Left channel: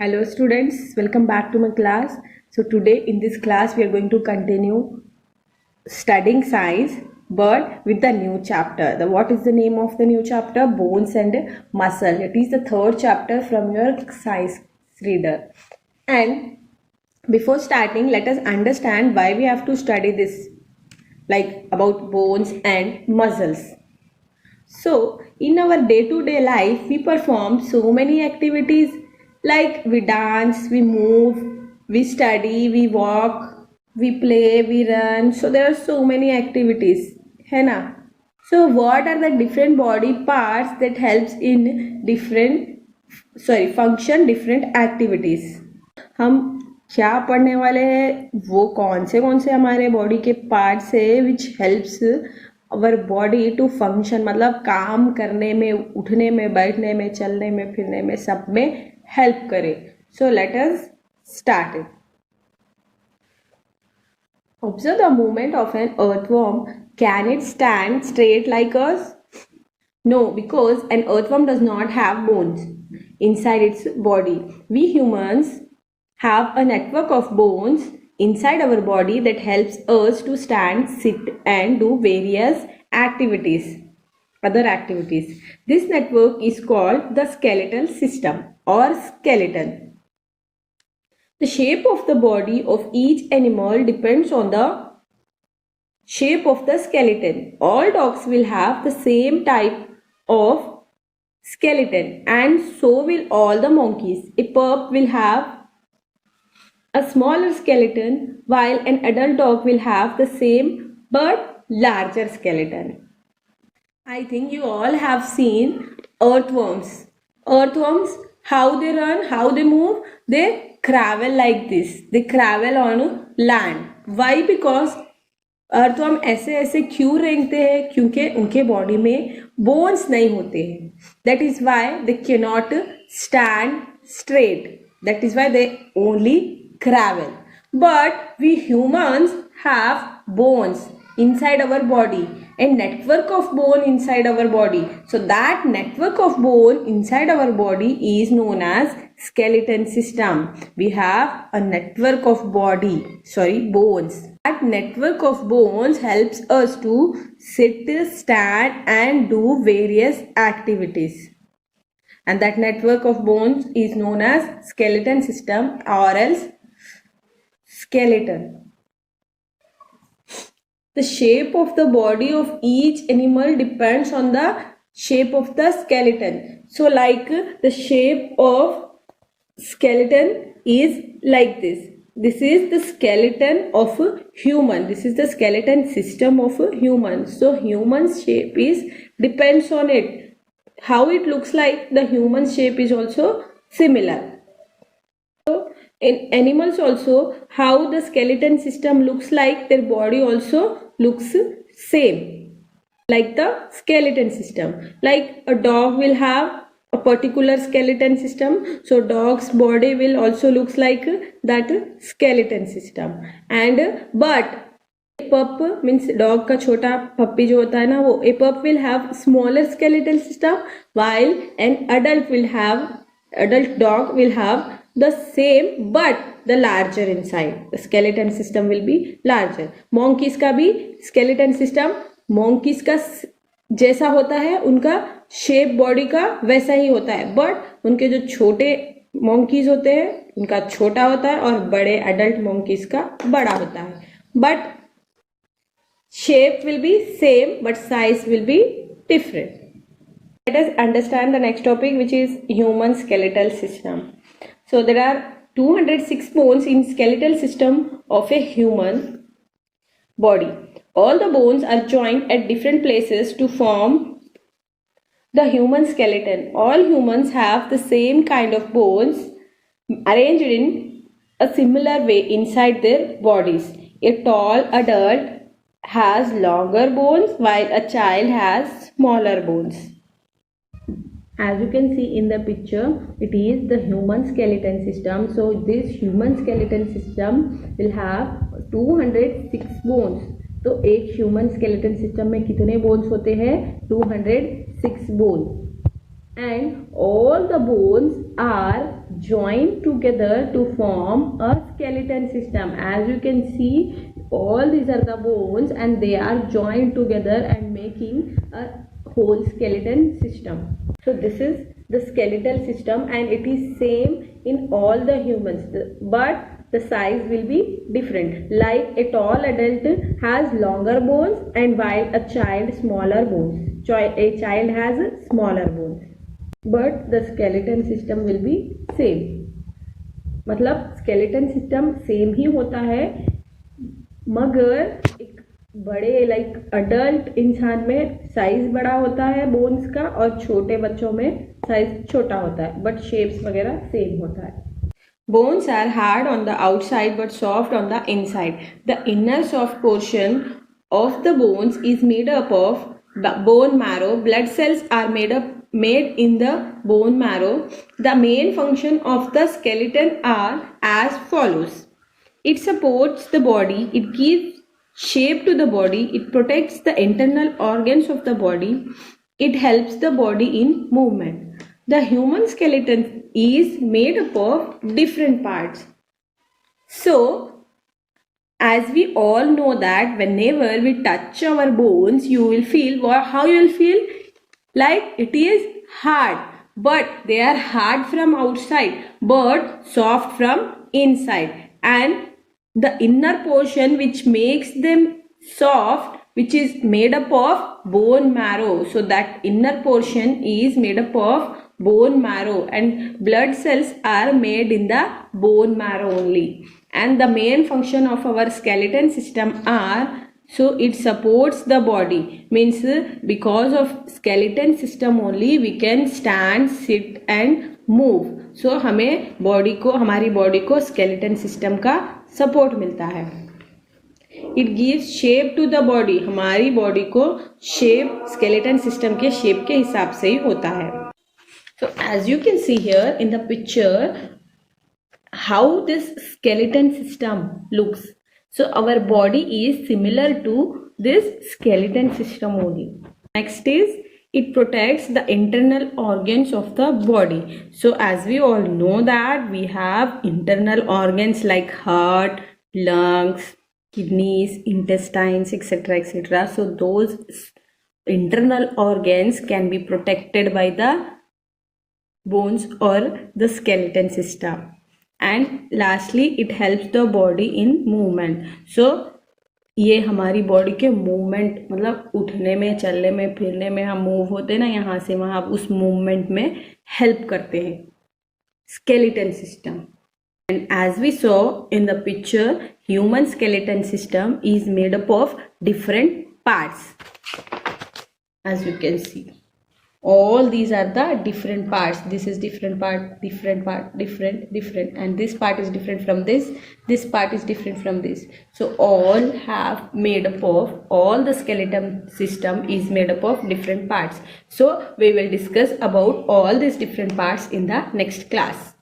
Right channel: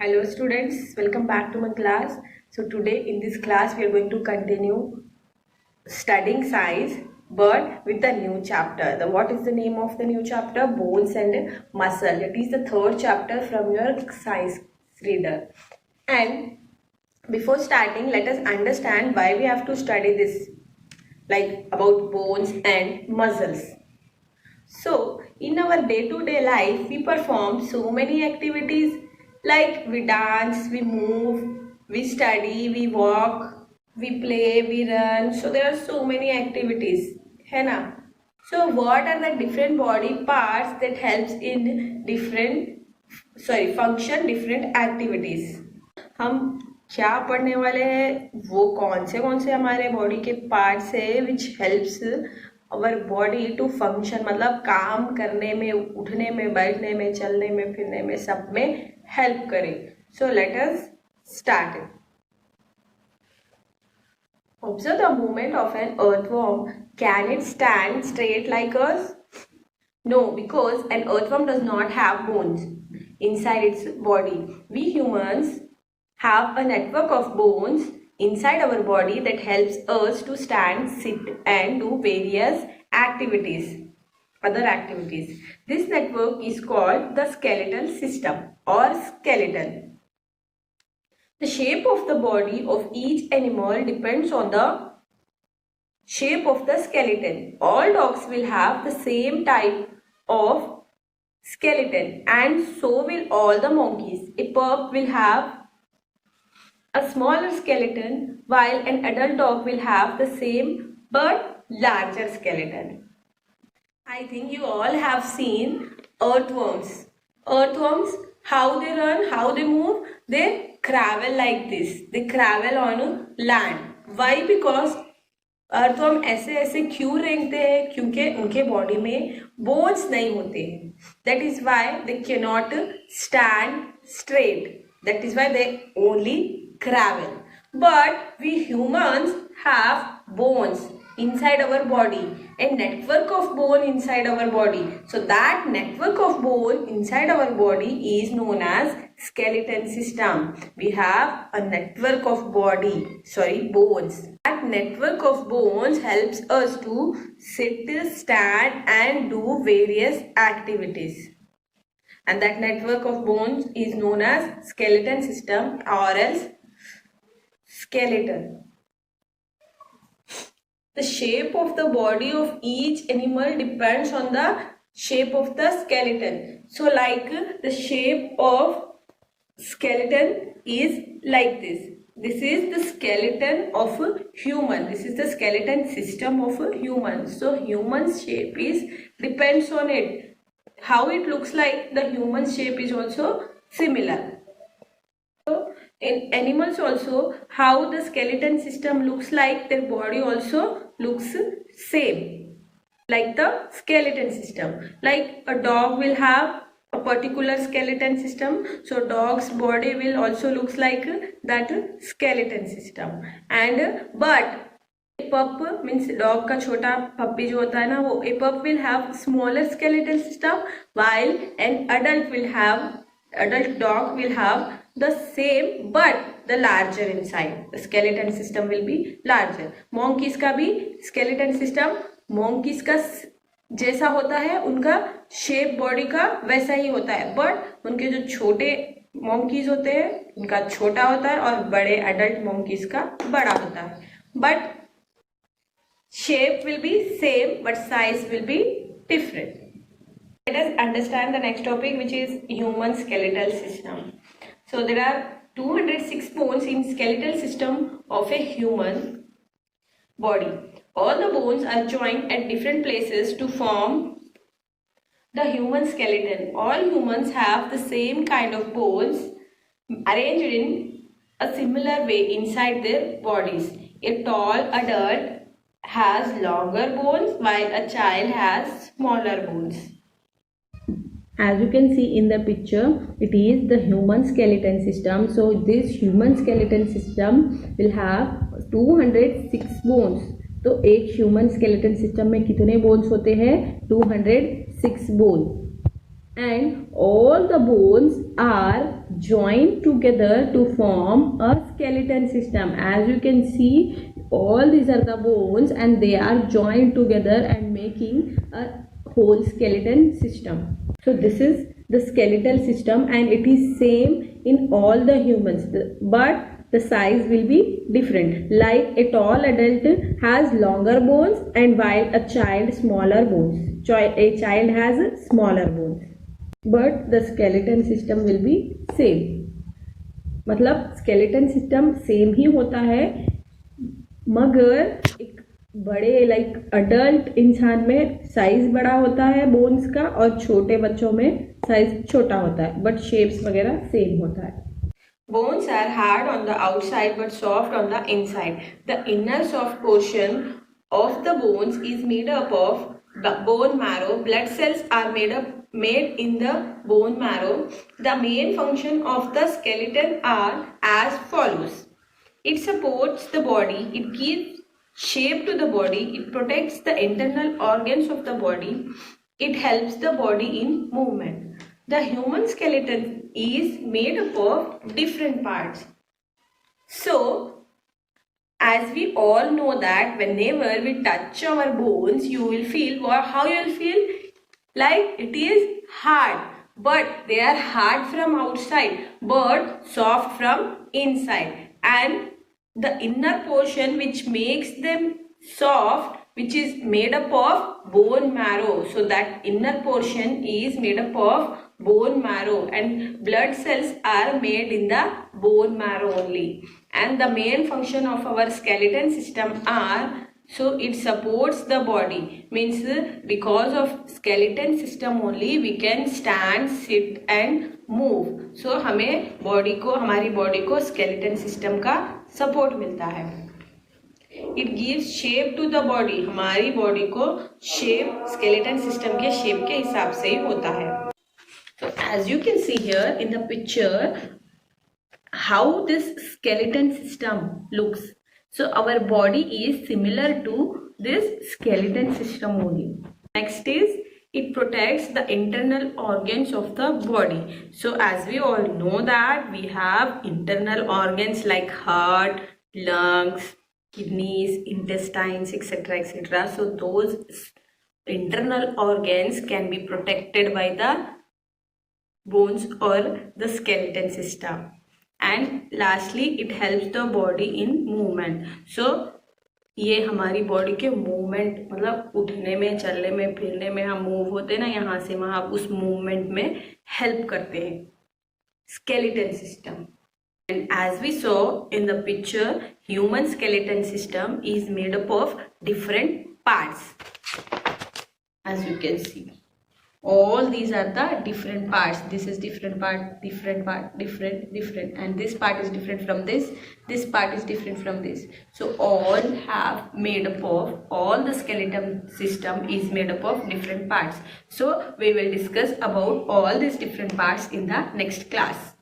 Hello students, welcome back to my class. So today in this class we are going to continue studying science but with the new chapter. What is the name of the new chapter? Bones and muscle. It is the third chapter from your science reader. And before starting, let us understand why we have to study this, like about bones and muscles. So in our day-to-day life, we perform so many activities like we dance, we move, we study, we walk, we play, we run. So there are so many activities, है ना? So what are the different body parts that helps in function different activities? हम क्या पढ़ने वाले हैं, वो कौन से हमारे बॉडी के पार्ट्स है which helps our body to function, मतलब काम करने में, उठने में, बैठने में, चलने में, फिरने में, सब में हेल्प करे. So let us start. Observe the movement of an earthworm. Can it stand straight like us? No, because an earthworm does not have bones inside its body. We humans have a network of bones inside our body that helps us to stand, sit and do various other activities. This network is called the skeletal system or skeleton. The shape of the body of each animal depends on the shape of the skeleton. All dogs will have the same type of skeleton and so will all the monkeys. A pup will have a smaller skeleton while an adult dog will have the same but larger skeleton. I think you all have seen earthworms. Earthworms, how they run, how they move, they crawl like this. They crawl on land. Why? Because earthworm ऐसे क्यों रेंगते हैं? क्योंकि उनके body में bones नहीं होते हैं. That is why they cannot stand straight. That is why they only crawl. But we humans have bones inside our body, a network of bone inside our body. So that network of bone inside our body is known as skeleton system. We have a network of bones. That network of bones helps us to sit, stand and do various activities. And that network of bones is known as skeleton system or else skeleton. The shape of the body of each animal depends on the shape of the skeleton. So like the shape of skeleton is like this. This is the skeleton of a human. This is the skeleton system of a human. So human's shape depends on it. How it looks like, the human shape is also similar. In animals also, how the skeleton system looks like, their body also looks same like the skeleton system. Like a dog will have a particular skeleton system, so dog's body will also looks like that skeleton system. And but a pup means dog का छोटा पप्पी जो होता है ना, वो a pup will have smaller skeletal system while an adult dog will have the same but the larger inside. The skeleton system will be larger. Monkeys का भी skeleton system monkeys का जैसा होता है, उनका शेप बॉडी का वैसा ही होता है, बट उनके जो छोटे monkeys होते हैं उनका छोटा होता है और बड़े adult monkeys का बड़ा होता है. But shape will be same but size will be different. Let us understand the next topic, which is human skeletal system. So there are 206 bones in skeletal system of a human body. All the bones are joined at different places to form the human skeleton. All humans have the same kind of bones arranged in a similar way inside their bodies. A tall adult has longer bones while a child has smaller bones. As you can see in the picture, it is the human skeleton system. So this human skeleton system will have 206 bones. तो एक human skeleton system में कितने bones होते हैं? 206 bones. and all the bones are joined together to form a skeleton system. As you can see, all these are the bones and they are joined together and making a whole skeleton system. So this is the skeletal system and it is same in all the humans, but the size will be different. Like a tall adult has longer bones and while a child smaller bones. A child has smaller bones, but the skeleton system will be same. मतलब skeleton system same ही होता है, मगर एक बड़े like adult इंसान में size बड़ा होता है बोन्स का और छोटे बच्चों में साइज छोटा होता है, बट शेप्स वगैरह सेम होता है. Bones are hard on the outside but soft on the inside. The inner soft portion of the bones is made up of bone marrow. Blood cells are made in the bone marrow. The main function of the skeleton are as follows. It supports the body. It gives shape to the body. It protects the internal organs of the body. It helps the body in movement. The human skeleton is made up of different parts. So, as we all know that whenever we touch our bones, you will feel how you will feel like it is hard, but they are hard from outside but soft from inside, and the inner portion which makes them soft, which is made up of bone marrow. So that inner portion is made up of bone marrow and blood cells are made in the bone marrow only. And the main function of our skeleton system are, so it supports the body, means because of skeleton system only we can stand, sit and move. So हमें body को, हमारी body को skeleton system का support मिलता है. It gives shape to the body. हमारी body को shape skeleton system के शेप के हिसाब से ही होता है. So as you can see here in the picture, how this skeleton system looks. So our body is similar to this skeleton system only. Next is, it protects the internal organs of the body. So as we all know that we have internal organs like heart, lungs, kidneys, intestines, etc., etc. So those internal organs can be protected by the bones or the skeleton system. And lastly, it helps the body in movement. So ये हमारी body के movement, मतलब उठने में, चलने में, फिरने में, हम मूव होते हैं ना यहाँ से वहाँ, उस मूवमेंट में हेल्प करते हैं skeleton system. And as we saw in the picture, human skeleton system is made up of different parts. As you can see, all these are the different parts. This is different part, different part, different, and this part is different from this part is different from this. So all have made up of, all the skeleton system is made up of different parts. So we will discuss about all these different parts in the next class.